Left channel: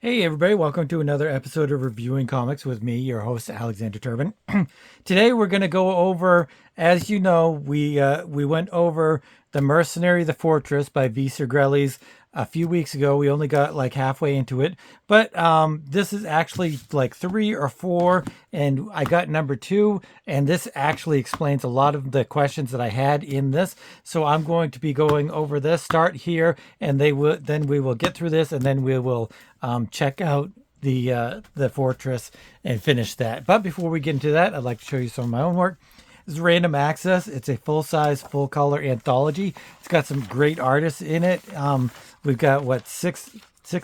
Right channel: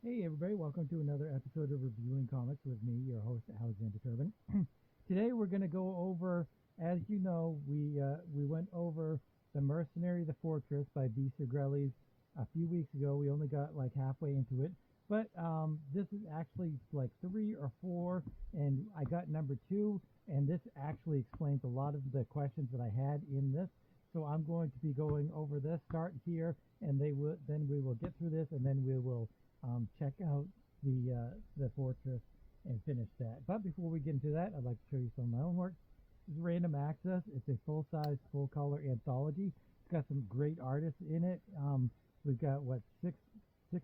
Hey everybody, welcome to another episode of Reviewing Comics with me, your host Alexander Turbin. Today we're going to go over, as you know, we went over The Mercenary, The Fortress by V. Segrelles a few weeks ago. We only got like halfway into it, but this is actually like 3 or 4, and I got number 2, and this actually explains a lot of the questions that I had in this. So I'm going to be going over this. Start here, and then we will get through this, and then we will check out the fortress and finish that. But before we get into that, I'd like to show you some of my own work. This is Random Access. It's a full-size, full-color anthology. It's got some great artists in it. We've got what six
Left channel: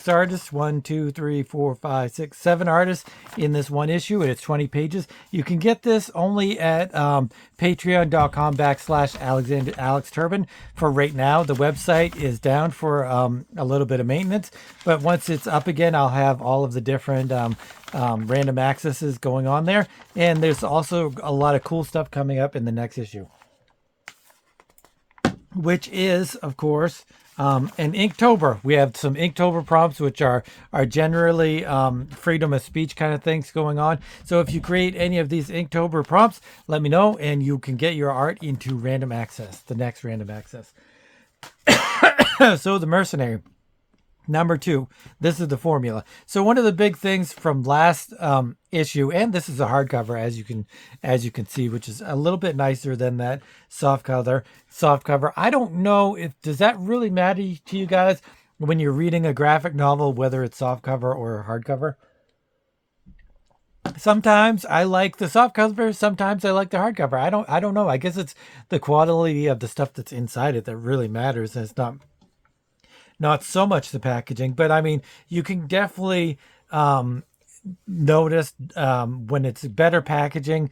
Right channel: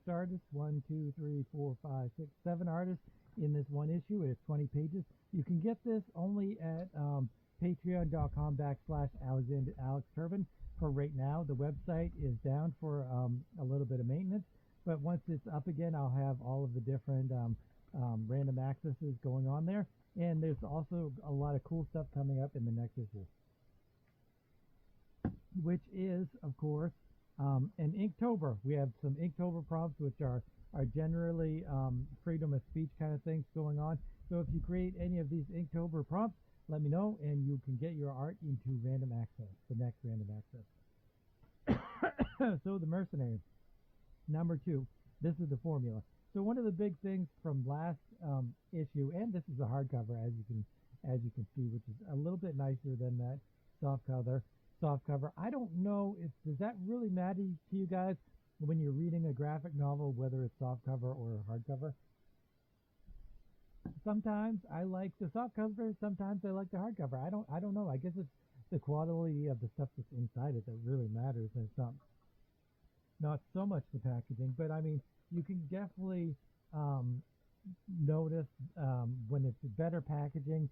artists, 1 2 3 4 5 6 7 artists in this one issue, and it's 20 pages. You can get this only at patreon.com/Alexander Alex Turbin for right now. The website is down for a little bit of maintenance, but once it's up again, I'll have all of the different random accesses going on there, and there's also a lot of cool stuff coming up in the next issue, which is, of course, an Inktober. We have some Inktober prompts, which are generally freedom of speech kind of things going on. So if you create any of these Inktober prompts, let me know, and you can get your art into random access, the next random access. So The Mercenary. Number 2, this is the formula. So one of the big things from last issue, and this is a hardcover, as you can see, which is a little bit nicer than that soft cover. I don't know if does that really matter to you guys when you're reading a graphic novel, whether it's soft cover or hardcover. Sometimes I like the soft cover, sometimes I like the hardcover. I don't know. I guess it's the quality of the stuff that's inside it that really matters, and it's not so much the packaging, but I mean, you can definitely notice when it's better packaging.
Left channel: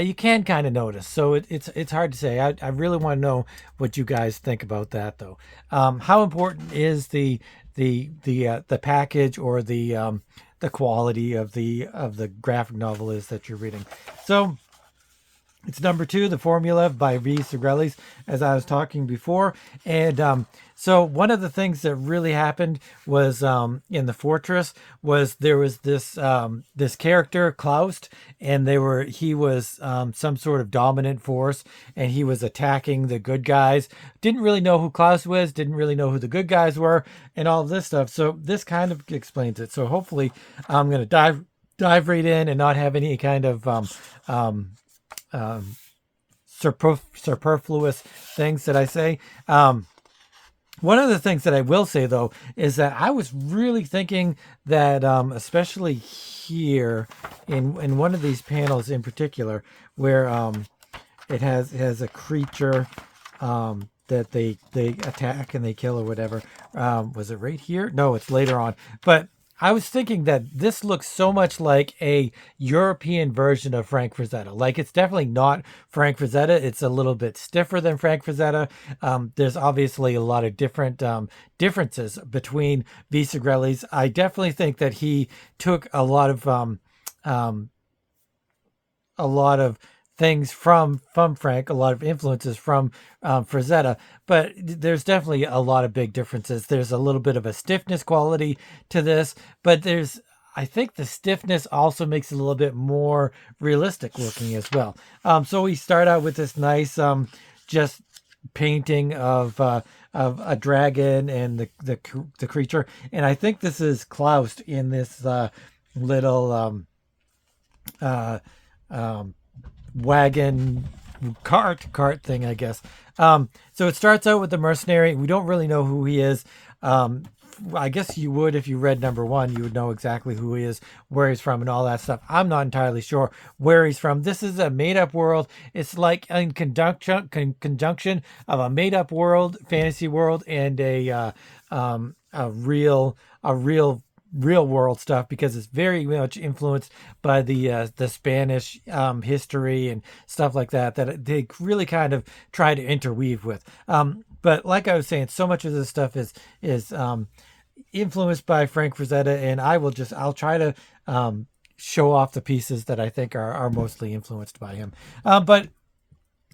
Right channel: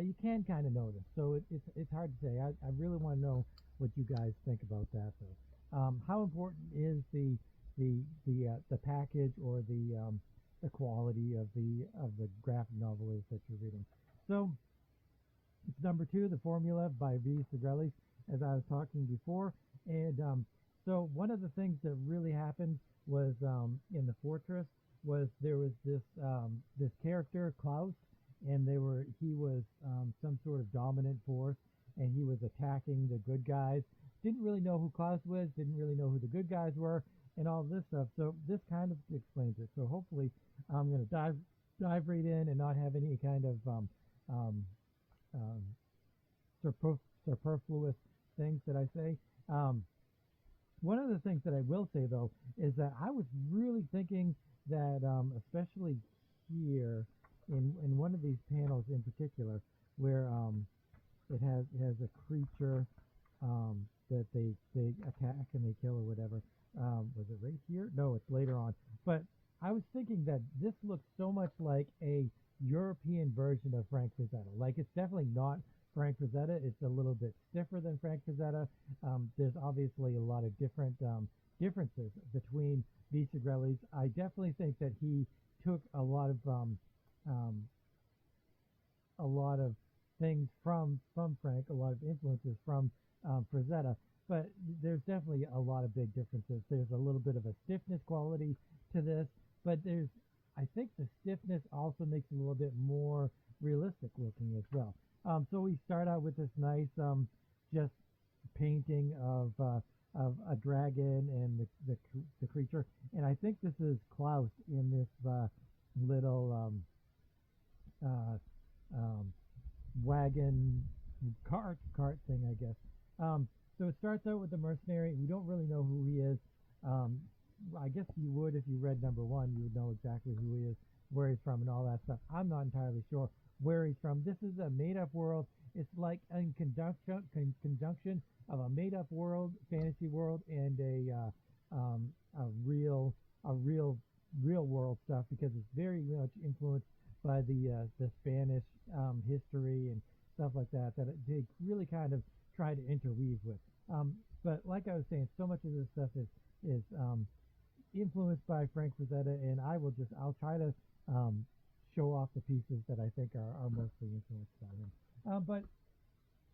You can kind of notice. So it's hard to say. I really want to know what you guys think about that, though. How important is the package or the quality of the graphic novel is that you're reading? So it's number 2, The Formula by V. Segrelles, as I was talking before. And so one of the things that really happened was in the fortress was there was this character, Klaus, and he was some sort of dominant force, and he was attacking the good guys. Didn't really know who Klaus was, didn't really know who the good guys were, and all of this stuff. So this kind of explains it. So hopefully I'm going to dive right in and not have any kind of superfluous things that I say. One of the things that I will say, though, is that I was really thinking that, especially here in one of these panels in particular, where it has a creature that they attack and they kill or whatever. Was it right here? No, it's later on. But I was thinking that this looks so much like a European version of Frank Frazetta. Like, it's definitely not Frank Frazetta. It's a little bit stiffer than Frank Frazetta. There's obviously a lot of different differences between V. Segrelles. I definitely think that he took a lot of things from Frank, a lot of influences from Frazetta, but there's definitely a lot of big differences. There's a little bit of a stiffness quality to this, but I think the stiffness also makes it a little bit more realistic looking as well. So we start out with this nice just painting of a dragon and the creature, and I think this is Klaus in this little wagon cart thing, I guess. So it starts out with the mercenary. We don't really know who he is. I guess you would if you read number 1. You would know exactly who he is, where he's from, and all that stuff. I'm not entirely sure where he's from. This is a made-up world. It's like in conjunction of a made-up world, fantasy world, and a real world stuff, because it's very much influenced by the Spanish history and stuff like that they really kind of try to interweave with. But like I was saying, so much of this stuff is influenced by Frank Frazetta, and I'll try to show off the pieces that I think are mostly influenced by him. But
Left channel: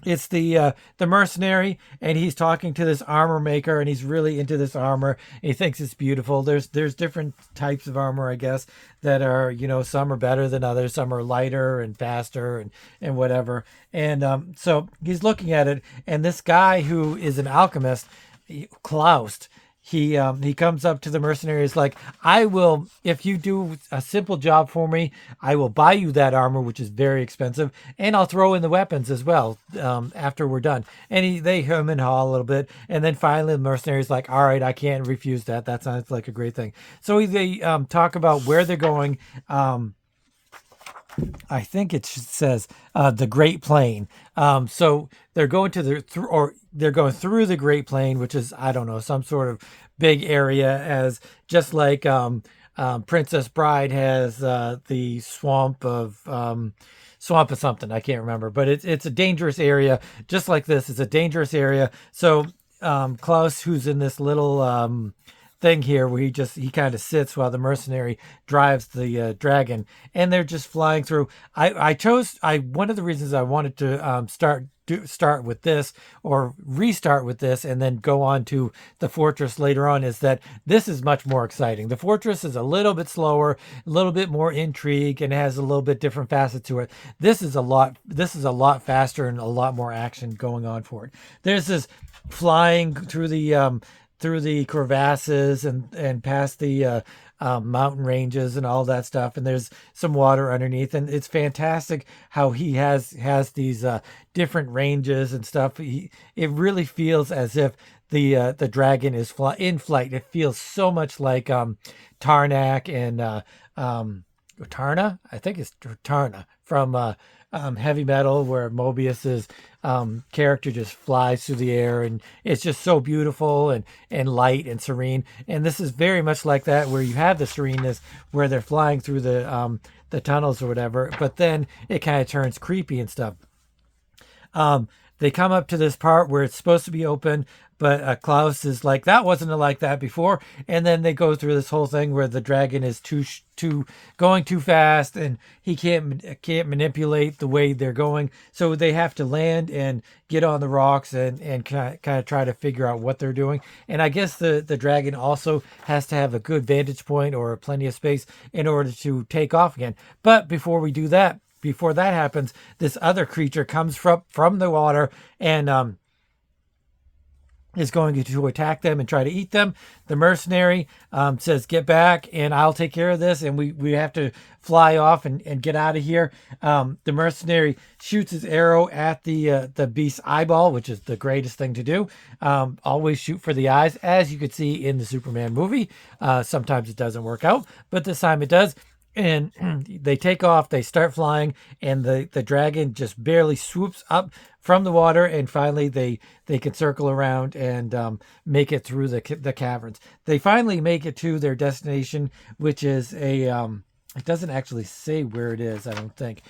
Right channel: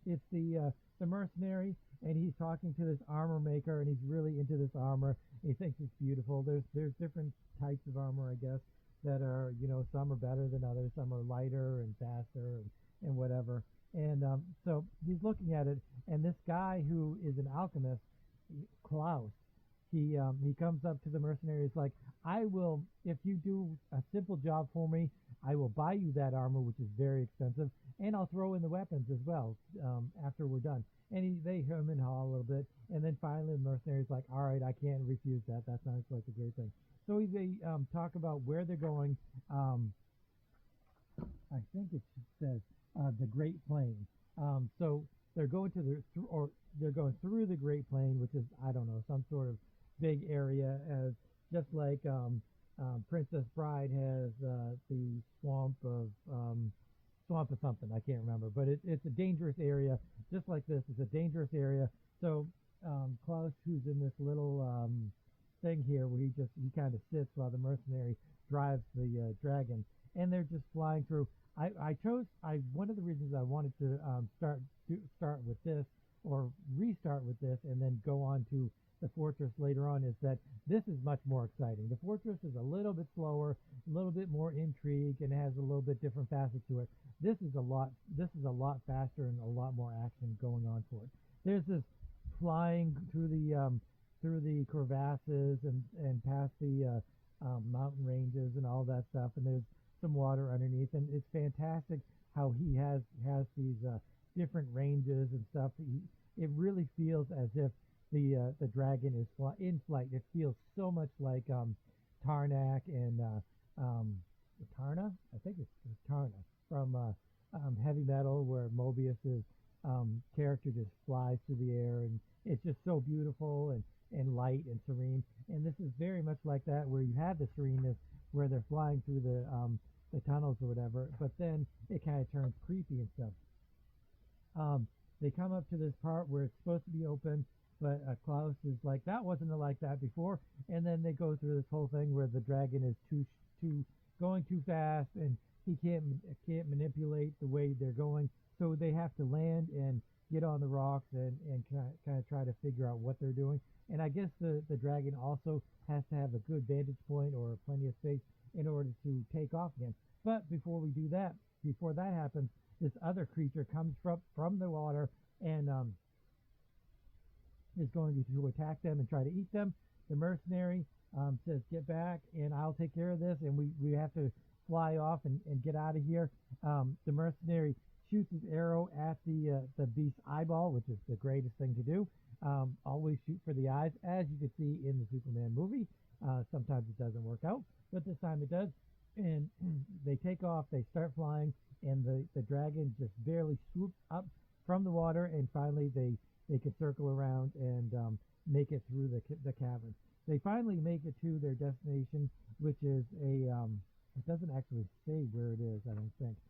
the mercenary, and he's talking to this armor maker, and he's really into this armor. He thinks it's beautiful. There's different types of armor, I guess, that are, some are better than others, some are lighter and faster and whatever. And so he's looking at it, and this guy who is an alchemist, Klaus, he comes up to the mercenary. Is like, I will, if you do a simple job for me, I will buy you that armor, which is very expensive, and I'll throw in the weapons as well, after we're done. And they hum and haw a little bit, and then finally the mercenary's like, all right, I can't refuse that. That sounds like a great thing. So they talk about where they're going. I think it says the Great Plain. So they're going to they're going through the Great Plain, which is, I don't know, some sort of big area, as just like Princess Bride has the swamp of something, I can't remember, but it's a dangerous area, just like this. It's a dangerous area. So Klaus, who's in this little thing here where he kind of sits while the mercenary drives the dragon, and they're just flying through. I chose one of the reasons I wanted to start with this, or restart with this, and then go on to the fortress later on, is that this is much more exciting. The fortress is a little bit slower, a little bit more intrigue, and has a little bit different facets to it. This is a lot faster and a lot more action going on for it. There's this flying through the crevasses and past the mountain ranges and all that stuff, and there's some water underneath, and it's fantastic how he has these different ranges and stuff. It really feels as if the dragon is in flight. It feels so much like Tarnak and Tarna. I think it's Tarna from Heavy Metal, where Mobius's character just flies through the air, and it's just so beautiful and light and serene. And this is very much like that, where you have the sereneness where they're flying through the tunnels or whatever, but then it kind of turns creepy and stuff. They come up to this part where it's supposed to be open, but Klaus is like, that wasn't like that before. And then they go through this whole thing where the dragon is going too fast, and he can't manipulate the way they're going. So they have to land and get on the rocks and kind of try to figure out what they're doing. And I guess the dragon also has to have a good vantage point or plenty of space in order to take off again. But before that happens, this other creature comes from the water and is going to attack them and try to eat them. The mercenary says, get back and I'll take care of this. And we have to fly off and get out of here. The mercenary shoots his arrow at the beast's eyeball, which is the greatest thing to do. Always shoot for the eyes, as you could see in the Superman movie. Sometimes it doesn't work out, but this time it does. And they take off, they start flying, and the dragon just barely swoops up from the water, and finally they can circle around and make it through the caverns. They finally make it to their destination, which is it doesn't actually say where it is, I don't think.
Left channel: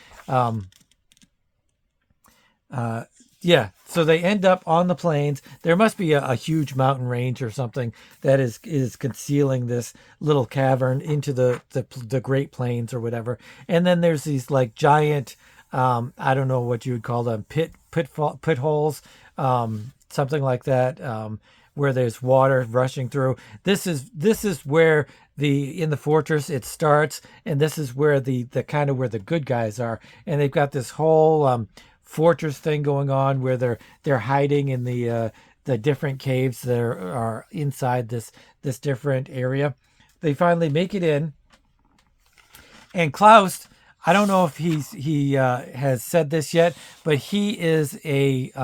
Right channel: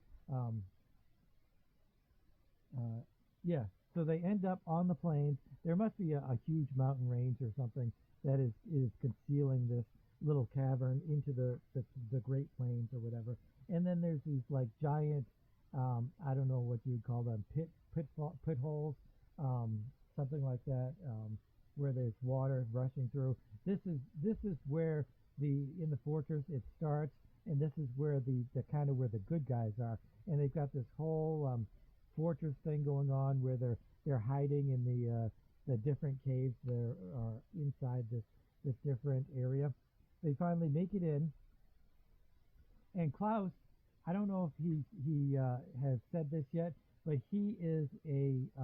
Yeah, so they end up on the plains. There must be a huge mountain range or something that is concealing this little cavern into the Great Plains or whatever. And then there's these like giant, I don't know what you would call them, pit holes, something like that, where there's water rushing through. This is where in the fortress it starts, and this is where the kind of where the good guys are, and they've got this whole fortress thing going on where they're hiding in the different caves that are inside this different area. They finally make it in, and Klaus, I don't know if he has said this yet, but he is he's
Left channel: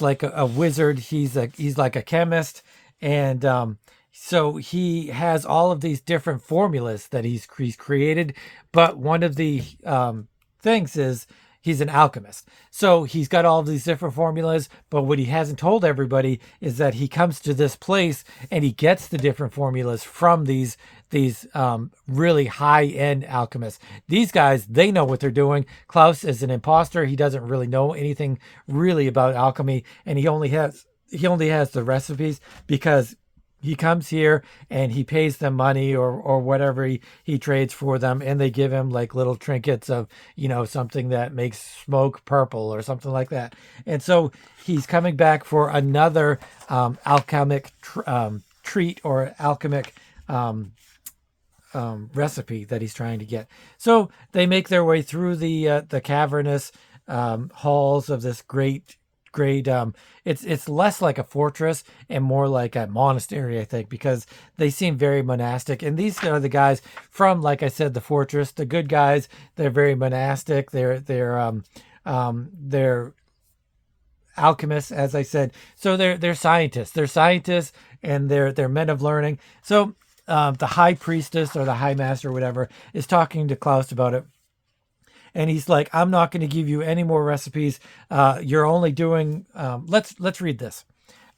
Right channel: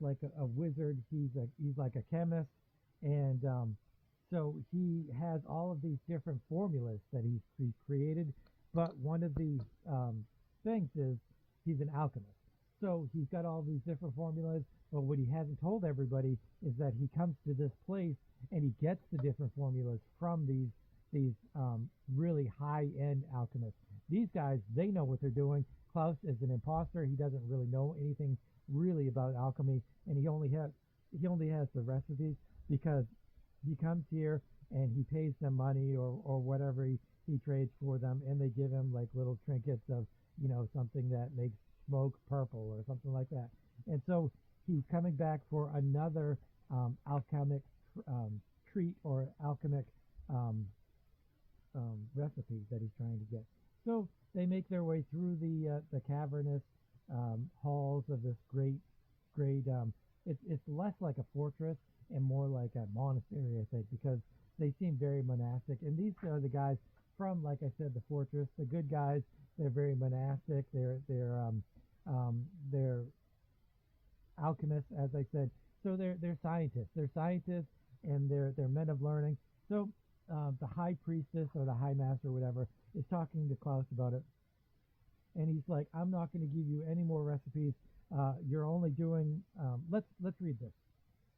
like a wizard. He's like a chemist, and so he has all of these different formulas that he's created. But one of the things is he's an alchemist. So he's got all of these different formulas, but what he hasn't told everybody is that he comes to this place and he gets the different formulas from these really high-end alchemists. These guys, they know what they're doing. Klaus is an imposter. He doesn't really know anything really about alchemy, and he only has the recipes because he comes here and he pays them money or whatever he trades for them, and they give him like little trinkets of, something that makes smoke purple or something like that. And so he's coming back for another alchemic treat or alchemic recipe that he's trying to get. So they make their way through the cavernous halls of this great. It's less like a fortress and more like a monastery, I think, because they seem very monastic. And these are the guys from, like I said, the fortress. The good guys, they're very monastic. They're alchemists, as I said. So they're scientists. They're scientists, and they're men of learning. So the high priestess or the high master or whatever is talking to Klaus about it. And he's like, I'm not going to give you any more recipes. You're only doing. Let's read this.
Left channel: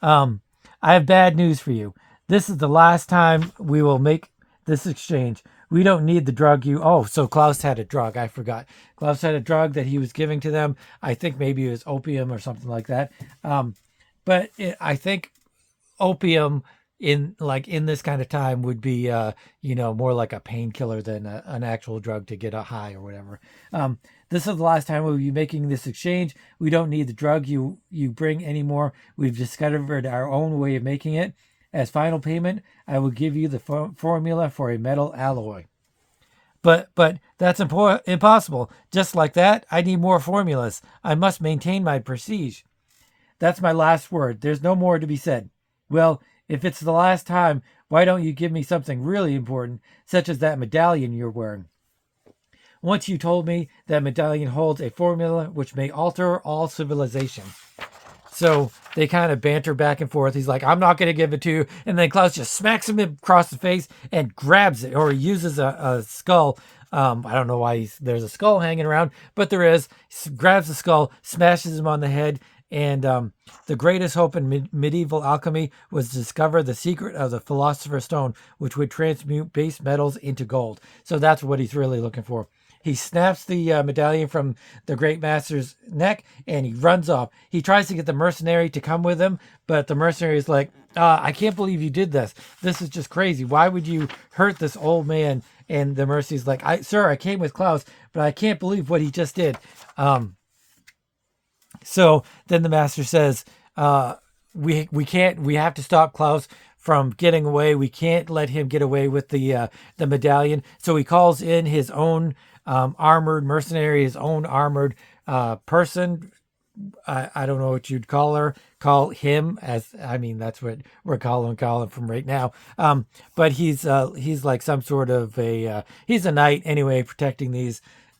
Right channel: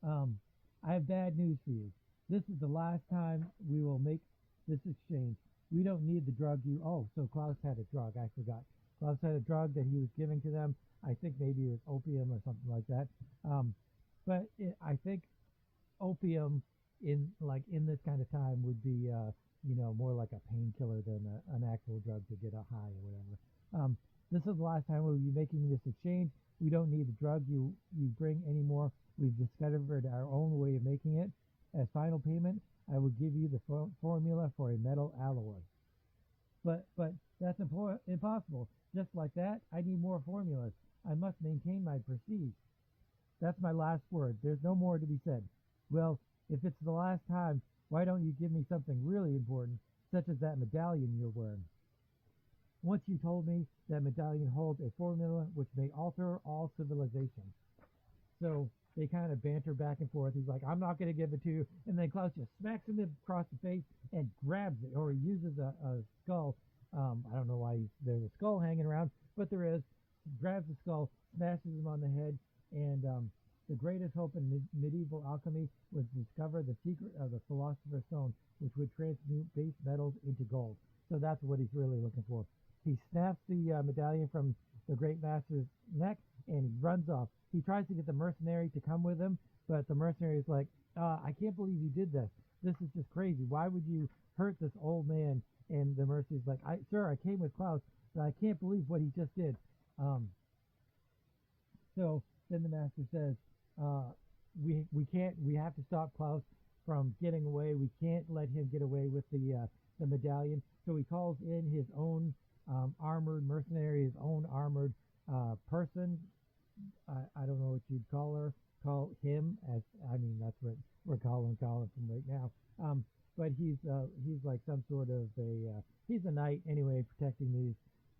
I have bad news for you. This is the last time we will make this exchange. We don't need the drug you. Oh, so Klaus had a drug. I forgot. Klaus had a drug that he was giving to them. I think maybe it was opium or something like that. I think opium in this kind of time would be more like a painkiller than an actual drug to get a high or whatever. This is the last time we'll be making this exchange. We don't need the drug you bring anymore. We've discovered our own way of making it. As final payment, I will give you the formula for a metal alloy. But that's impossible. Just like that, I need more formulas. I must maintain my prestige. That's my last word. There's no more to be said. Well, if it's the last time, why don't you give me something really important, such as that medallion you're wearing? Once you told me that medallion holds a formula which may alter all civilization. So they kind of banter back and forth. He's like, I'm not going to give it to you. And then Klaus just smacks him across the face and grabs it, or he uses a skull. I don't know why there's a skull hanging around, but there is. He grabs the skull, smashes him on the head. And the greatest hope in medieval alchemy was to discover the secret of the Philosopher's Stone, which would transmute base metals into gold. So that's what he's really looking for. He snaps the medallion from the Great Master's neck, and he runs off. He tries to get the mercenary to come with him, but the mercenary is like, I can't believe you did this. This is just crazy. Why would you hurt this old man? And the mercenary's like, Sir, I came with Klaus, but I can't believe what he just did. So then the master says, we have to stop Klaus from getting away. We can't let him get away with the medallion. So he calls in his own armored mercenary, his own armored person. I don't know what you'd call him, as I mean, that's what we're calling from right now. But he's like some sort of he's a knight anyway, protecting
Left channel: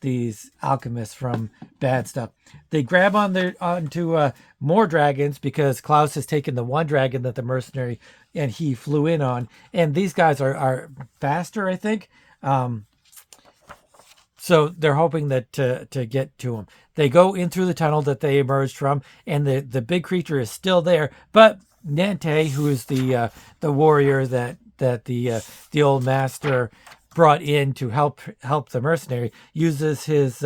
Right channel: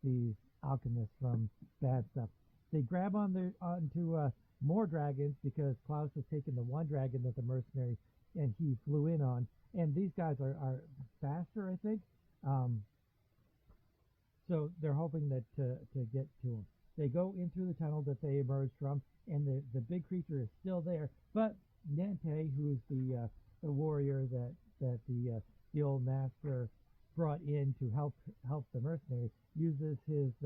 these alchemists from bad stuff. They grab onto more dragons because Klaus has taken the one dragon that the mercenary and he flew in on, and these guys are faster, I think. So they're hoping that to get to him. They go in through the tunnel that they emerged from, and the big creature is still there. But Nante, who is the warrior that the old master brought in to help the mercenary, uses his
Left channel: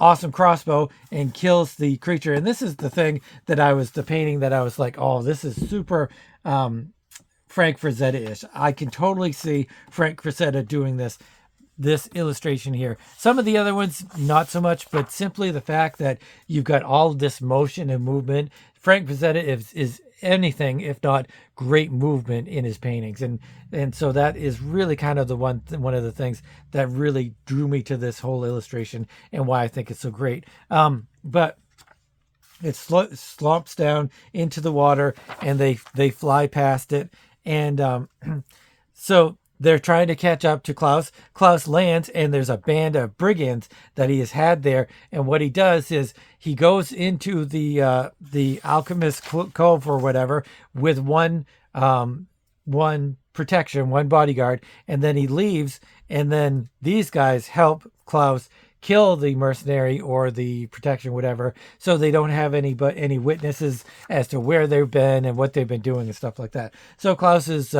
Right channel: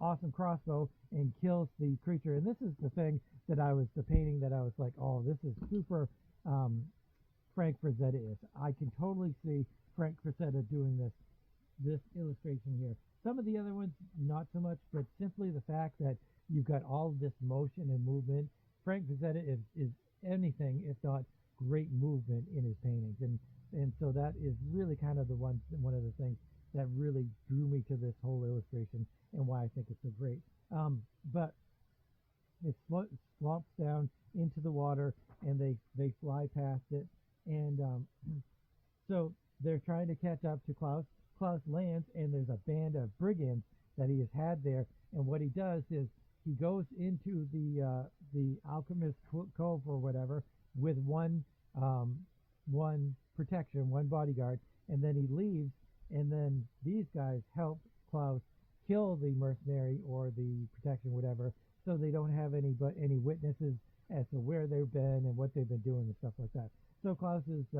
awesome crossbow and kills the creature. And this is the thing the painting that I was like, oh, this is super Frank Frazetta-ish. I can totally see Frank Frazetta doing this illustration here. Some of the other ones, not so much, but simply the fact that you've got all of this motion and movement. Frank Frazetta is anything if not great movement in his paintings, and so that is really kind of one of the things that really drew me to this whole illustration and why I think it's so great. But it slumps down into the water, and they fly past it, and so they're trying to catch up to Klaus. Klaus lands, and there's a band of brigands that he has had there. And what he does is he goes into the alchemist cove or whatever with one protection, one bodyguard, and then he leaves. And then these guys help Klaus kill the mercenary or the protection, whatever, so they don't have any witnesses as to where they've been and what they've been doing and stuff like that. So Klaus is,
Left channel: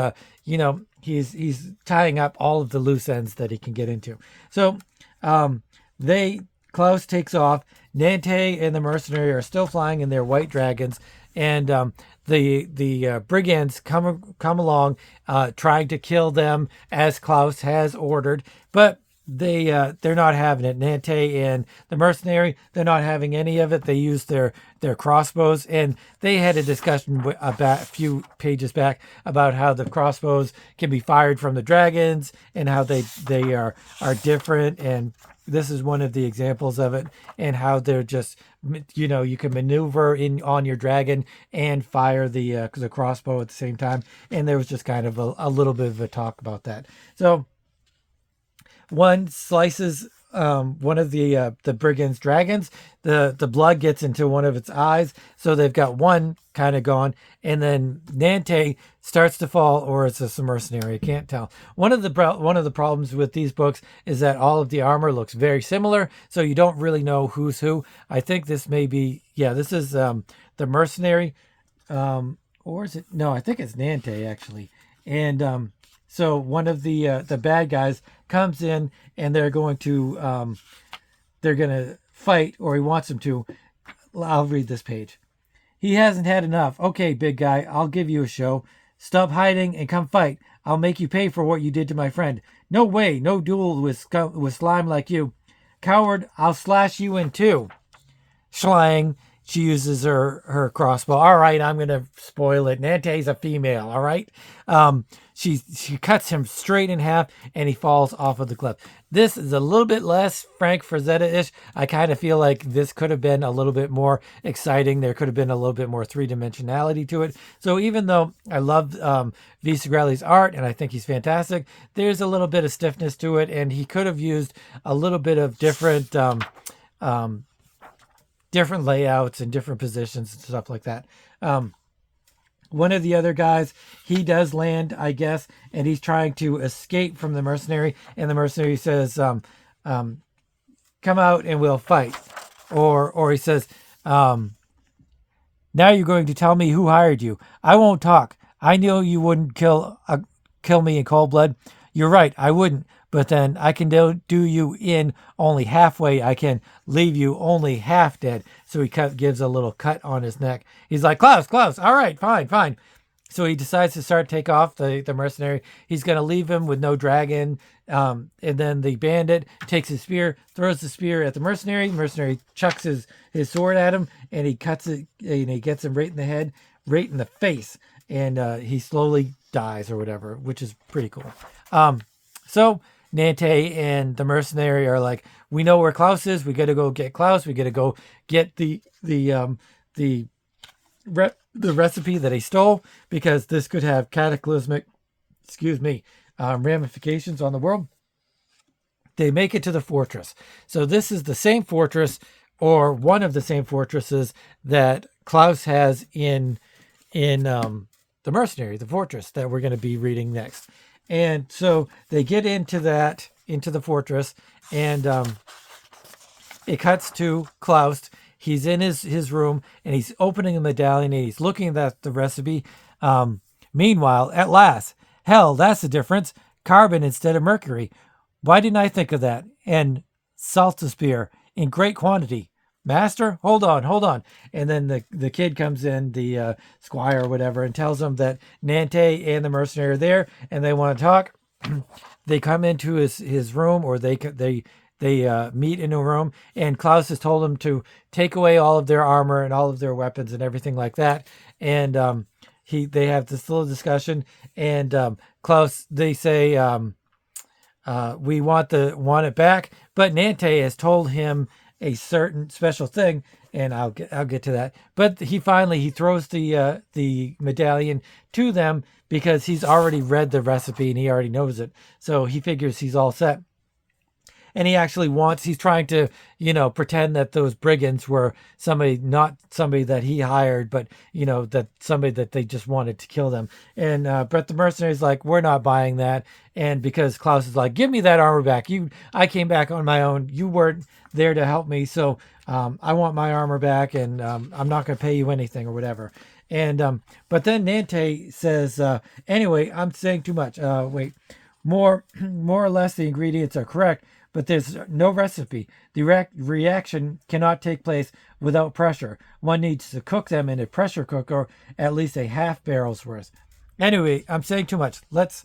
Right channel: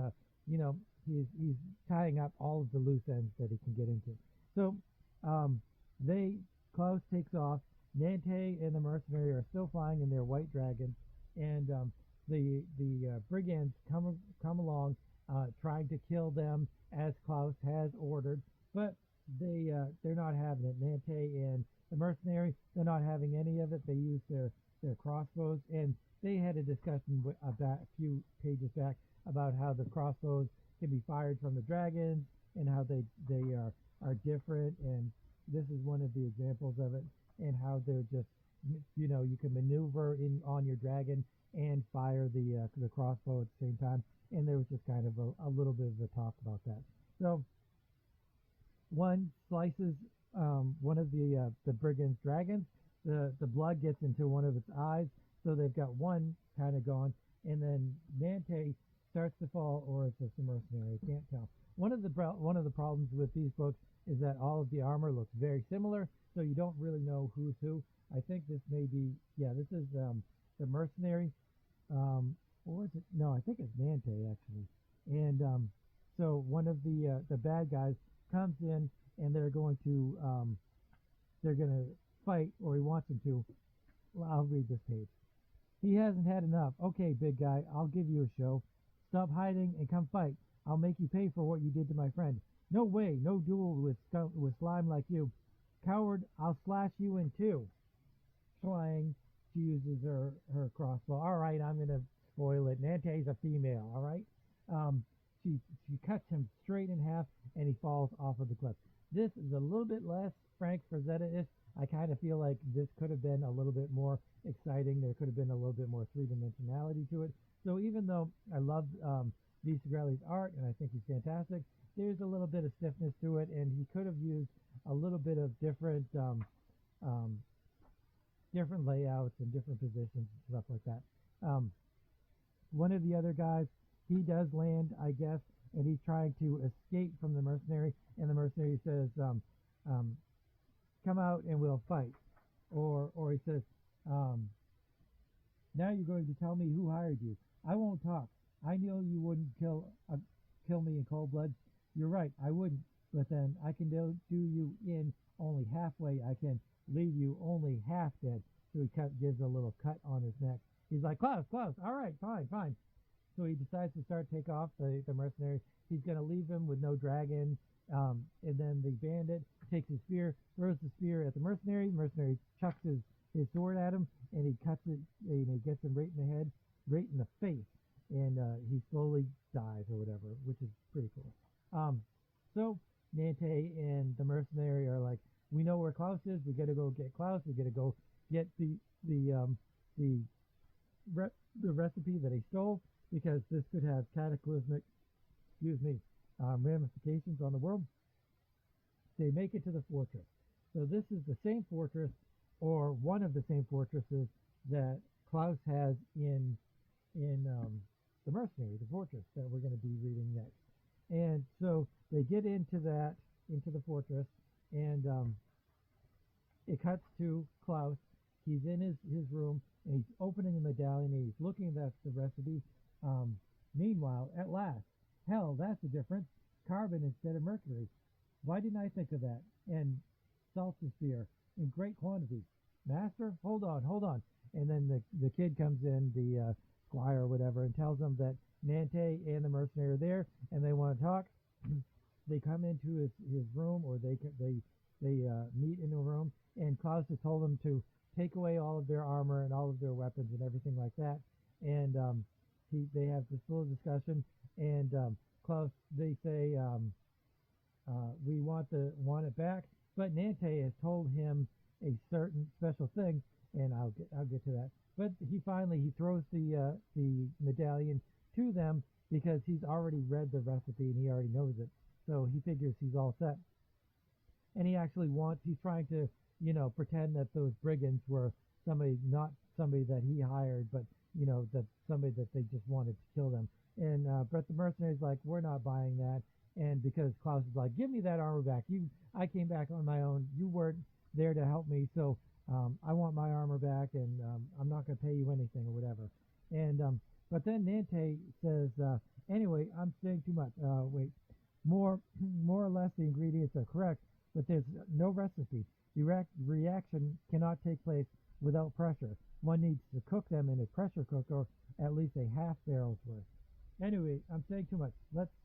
he's tying up all of the loose ends that he can get into. So Klaus takes off. Nante and the mercenary are still flying in their white dragons, and the brigands come along, trying to kill them as Klaus has ordered, but they're not having it. Nante and the mercenary, they're not having any of it. They use their crossbows, and they had a discussion about a few pages back about how the crossbows can be fired from the dragons and how they are different, and this is one of the examples of it, and how they're just, you can maneuver in on your dragon and fire the crossbow at the same time. And there was just kind of a little bit of a talk about that. So one slices one of the brigand's dragons. The blood gets into one of its eyes, so they've got one kind of gone. And then Nante starts to fall, or it's a mercenary. I can't tell. One of the problems with these books is that all of the armor looks very similar, so you don't really know who's who. I think this may be, this is the mercenary, or is it? No, I think it's Nante actually. And so one of the bad guys comes in, and they're going to fight, or he wants them to. I'll read this page. He hasn't had enough. Okay, big guy, I'll give you a show. Stop hiding and come fight. I'll make you pay for what you did to my friend. No way, no duel with slime like you. Coward, I'll slash you in two. Schlang, she uses her crossbow. All right, I'm going to spoil it. Nante's a female, all right? She cuts him straight in half, and he falls off of the cliff. This is a little bit less Frank Frazetta-ish. I kind of feel like this could have been a little bit more exciting. There could have been a little bit more three-dimensionality to it. So even though I love V. Segrelles' art, and I think he's fantastic, there's a little bit of stiffness to it, and he could have used a little bit of different different layouts and different positions and stuff like that. One of the other guys, he does land, I guess, and he's trying to escape from the mercenary. And the mercenary says, come out and we'll fight. Or he says, now you're going to tell me who hired you. I won't talk. I know you wouldn't kill me in cold blood. You're right, I wouldn't. But then I can do you in only halfway. I can leave you only half dead. So he gives a little cut on his neck. He's like, Klaus, all right, fine. So he decides to take off the mercenary. He's going to leave him with no dragon. And then the bandit takes his spear, throws the spear at the mercenary. The mercenary chucks his sword at him, and he cuts it, and he gets him right in the head, right in the face. And he slowly dies or whatever, which is pretty cool. So Nante and the mercenary are like, we know where Klaus is. We got to go get Klaus. We got to go get the recipe that he stole, because this could have cataclysmic, ramifications on the world. They make it to the fortress. So this is the same fortress, or one of the same fortresses that Klaus has in the mercenary, the fortress that we're going to be reading next. And so they get into the fortress, and it cuts to Klaus. He's in his room, and he's opening the medallion, and he's looking at the recipe. Meanwhile, at last, hell, that's the difference. Carbon instead of mercury. Why didn't I think of that? And saltsphere in great quantity. Master, hold on. And then the kid comes in, the squire or whatever, and tells him that Nante and the mercenary are there, and they want to talk. They come into his room, or they meet in a room, and Klaus has told them to take away all of their armor and all of their weapons and everything like that. And they have this little discussion, and Klaus, they say, we want it back, but Nante has told him a certain special thing, and I'll get to that. But he throws the medallion to them, because he's already read the recipe and he already knows it. So he figures he's all set. And he's trying to, pretend that those brigands were not somebody that he hired, but, that somebody that they just wanted to kill them. And, but the mercenary's like, we're not buying that. And because Klaus is like, give me that armor back. I came back on my own. You weren't there to help me. So, I want my armor back, and, I'm not going to pay you anything or whatever. And, but then Nante says, anyway, I'm saying too much. Wait, more or less the ingredients are correct, but there's no recipe. The reaction cannot take place without pressure. One needs to cook them in a pressure cooker at least a half barrel's worth. Anyway, I'm saying too much. Let's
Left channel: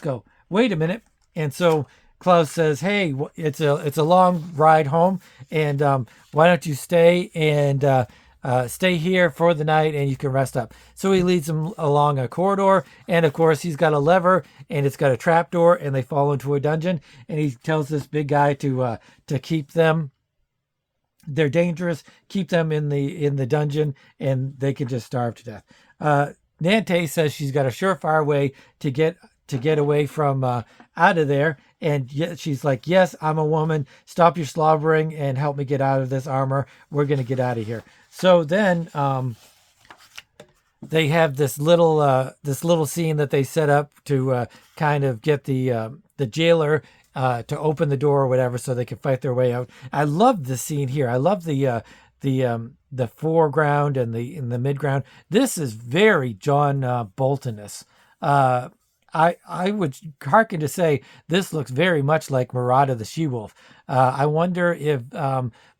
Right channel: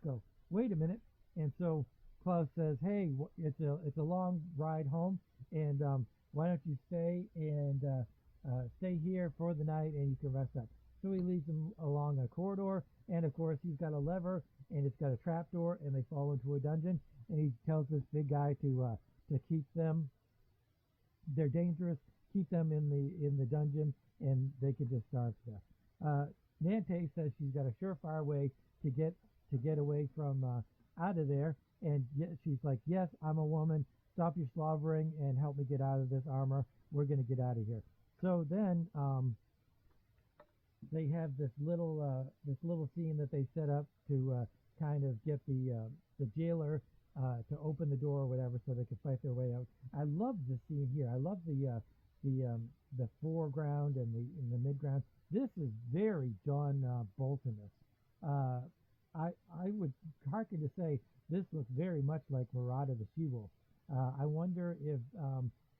go. Wait a minute. And so Klaus says, "Hey, it's a long ride home, and why don't you stay and stay here for the night, and you can rest up." So he leads them along a corridor, and of course he's got a lever, and it's got a trap door, and they fall into a dungeon. And he tells this big guy to keep them. They're dangerous. Keep them in the dungeon, and they can just starve to death. Nante says she's got a surefire way to get away from out of there, and she's like, "Yes, I'm a woman. Stop your slobbering and help me get out of this armor. We're gonna get out of here." So then they have this little scene that they set up to kind of get the jailer to open the door or whatever, so they can fight their way out. I love the scene here. I love the foreground and the midground. This is very John Bolton-ness. I would hearken to say this looks very much like Murata the She-Wolf. I wonder if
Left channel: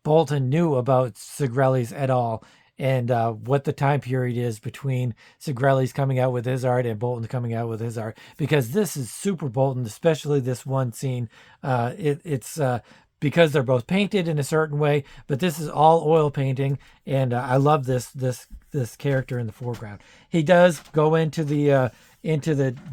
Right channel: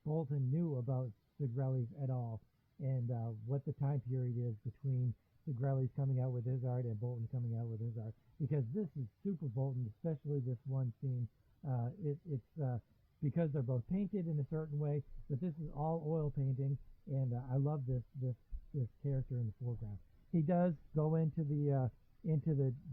Bolton knew about Segrelles at all, and what the time period is between Segrelles coming out with his art and Bolton coming out with his art, because this is super Bolton, especially this one scene. It's because they're both painted in a certain way, but this is all oil painting, and I love this character in the foreground. He does go into the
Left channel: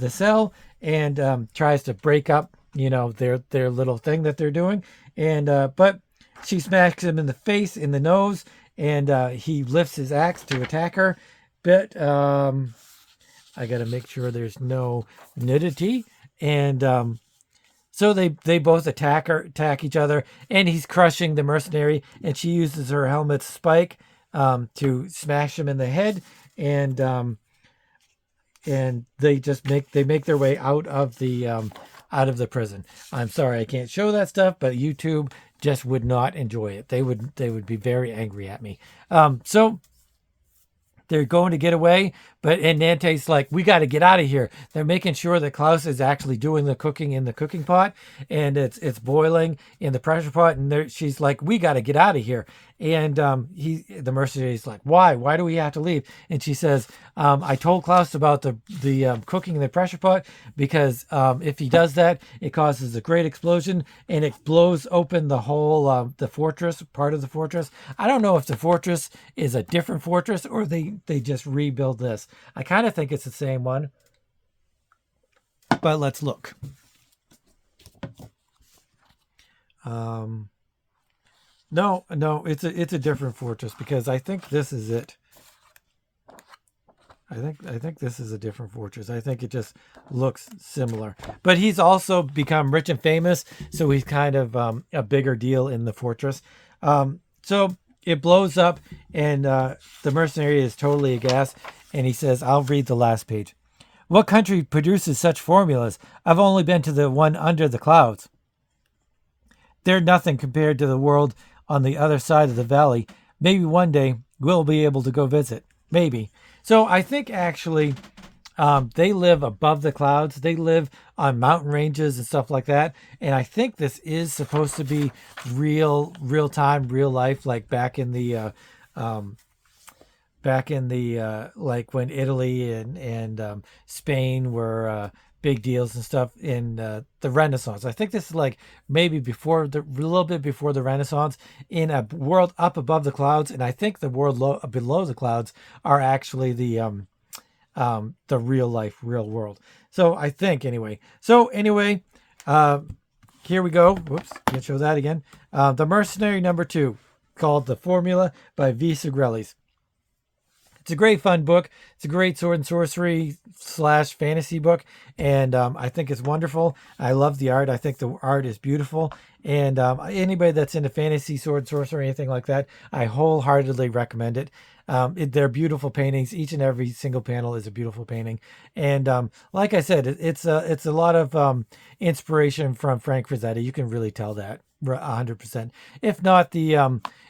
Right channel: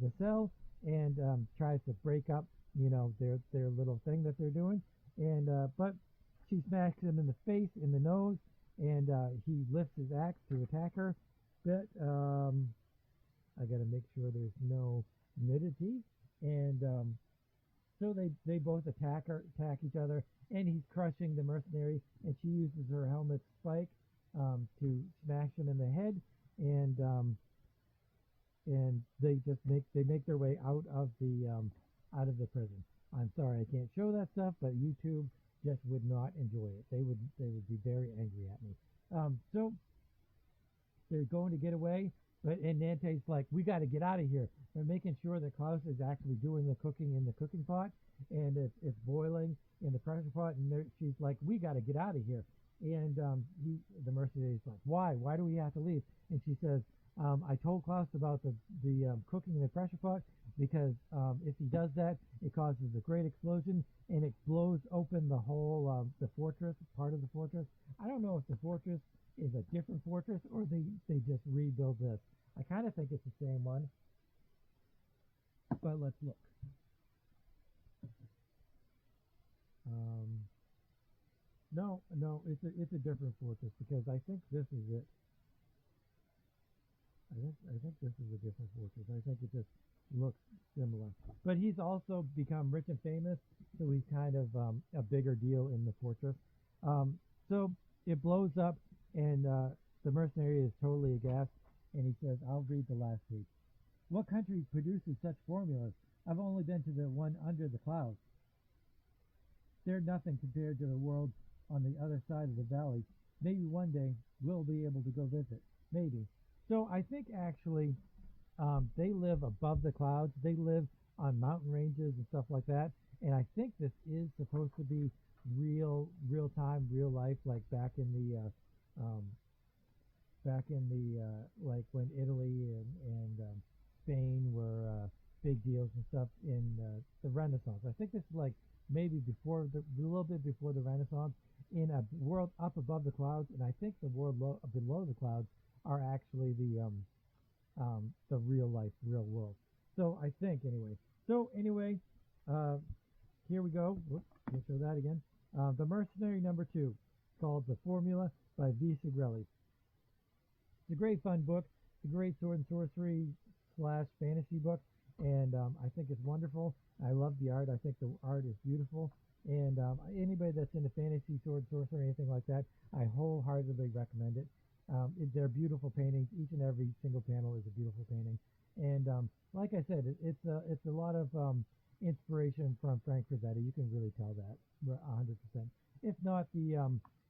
cell and tries to break up, their little thing that they're doing, and but she smacks him in the face, in the nose, and he lifts his axe to attack her. But I got to make sure there's no nudity, and so they both attack each other, and he's crushing the mercenary, and she uses her helmet's spike to smash him in the head, and they just make their way out of the prison. I'm sorry I can't show that stuff, but YouTube just would not enjoy it. They would be very angry at me. So they're going to get away, and Nante's like, "We got to get out of here." They're making sure that Klaus is actually doing the cooking in the cooking pot, and it's boiling in the pressure pot, and she's like, "We got to get out of here." And the mercenary's like, "Why? Why do we have to leave?" And she says, "I told Klaus about the cooking in the pressure pot, because if he does that, it causes a great explosion, and it blows open the whole the fortress, part of the fortress." I don't know if the fortress is a different fortress or they just rebuild this. I kind of think it's the same one, but let's look. No, it's a different fortress, because I think this is it. I think this is a different fortress. I think it just looks similar. But he's also become rich and famous, so he's kind of a bigger deal in the fortress. So it blows up, and the mercenary is totally aghast, and he says, "I'll read the last page. What country produces such formulas? I've only been to the one under the clouds. They're nothing compared to the world on the other side of the valley. Maybe one day we'll be able to go visit. Maybe." So I think actually they live above the clouds. They live on mountain ranges and stuff like that. And I think this is supposed to be real time, real life, like back in the like when Italy and Spain were big deals and stuff in the Renaissance. I think this is like maybe a little bit before the Renaissance, in a world up above the clouds, and I think the world below the clouds are actually the real life, real world. So I think anyway. So anyway, here we go. Whoops, can't show that again. The Mercenary #2, called The Formula by V. Segrelles. It's a great fun book. It's a great sword and sorcery / fantasy book, and I think it's wonderful. I love the art. I think the art is beautiful, and anybody that's into fantasy, sword and sorcery, anything like that, I wholeheartedly recommend it. They're beautiful paintings. Each and every single panel is a beautiful painting, and like I said, it's a lot of inspiration from Frank Frazetta. You can really tell that 100%. If not the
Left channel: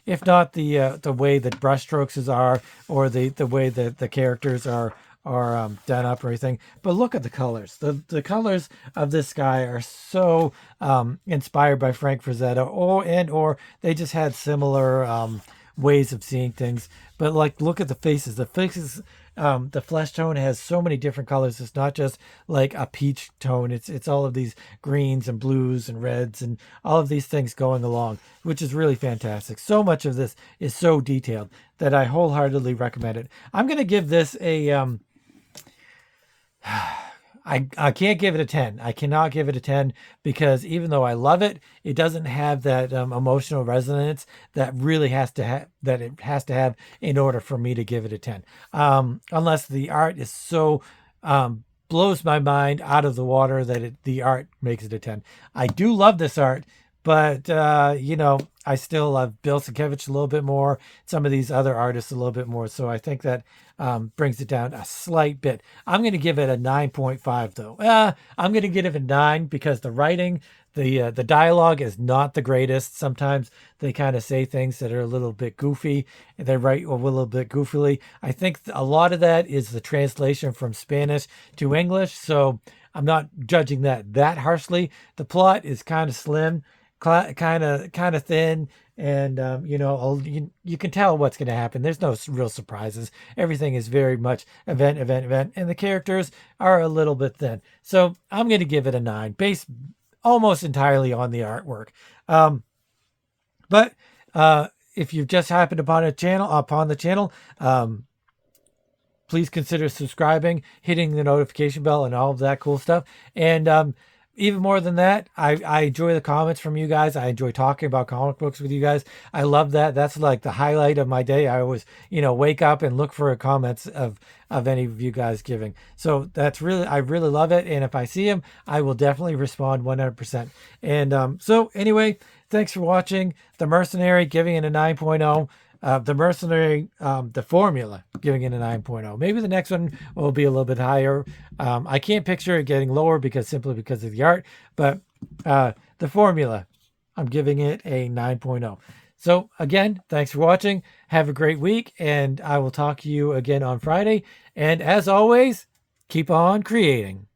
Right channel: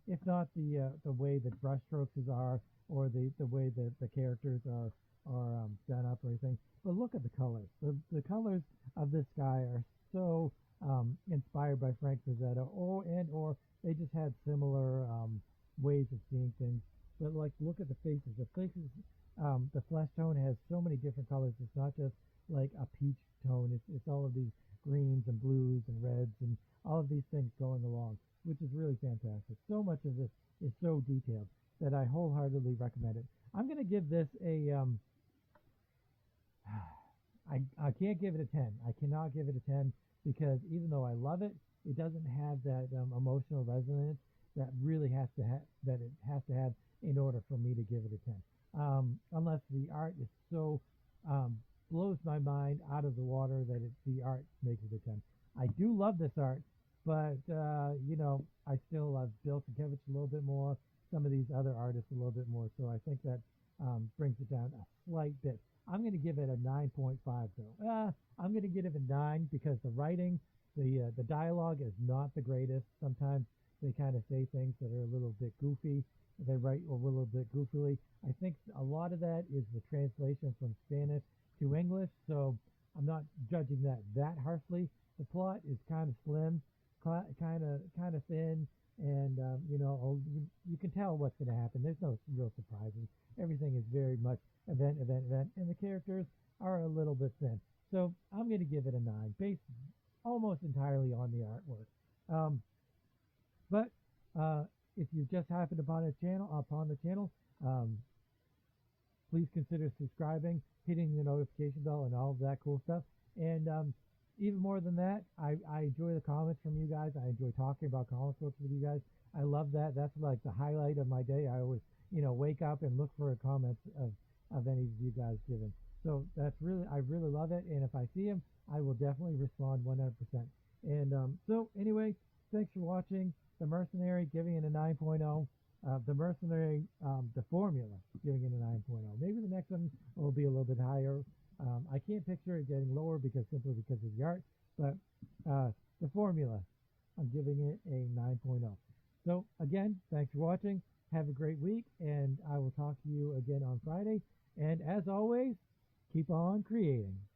way that brushstrokes are, or the way that the characters are done up or anything. But look at the colors. The colors of this guy are so inspired by Frank Frazetta, or they just had similar ways of seeing things. But like, look at the faces. The faces, the flesh tone has so many different colors. It's not just like a peach tone. It's all of these greens and blues and reds and all of these things going along, which is really fantastic. So much of this is so detailed that I wholeheartedly recommend it. I'm gonna give this a I can't give it a 10. I cannot give it a 10 because even though I love it, it doesn't have that emotional resonance that really has to have that it has to have in order for me to give it a 10. Unless the art is so blows my mind out of the water that the art makes it a 10. I do love this art, but I still love Bill Sienkiewicz a little bit more, some of these other artists a little bit more. So I think that brings it down a slight bit. I'm going to give it a 9.5 though. I'm going to give it a 9 because the writing, the dialogue is not the greatest. Sometimes they kind of say things that are a little bit goofy. They write a little bit goofily. I think a lot of that is the translation from Spanish to English. So I'm not judging that harshly. The plot is kind of slim, kind of thin, and you can tell what's going to happen. There's no real surprises. Everything is very much event, and the characters are a little bit thin. So I'm going to give it a 9, based almost entirely on the artwork. But if you've just happened upon the channel, please consider subscribing, hitting the notification bell, and all of that cool stuff. And even more than that, I enjoy the comments from you guys. I enjoy talking about comic books with you guys. I love that. That's like the highlight of my day. I always, wake up and look for comments of any of you guys giving. So I really love it. And if I see them, I will definitely respond 100%. And so anyway, thanks for watching. The Mercenary, giving it a 9.0. The Mercenary, the Formula, giving it a 9.0. Maybe the next one will be a little bit higher. I can't picture it getting lower simply because of the art, but the Formula, I'm giving it a 9.0. So again, thanks for watching. Have a great week, and I will talk to you again on Friday. And as always, keep on creating.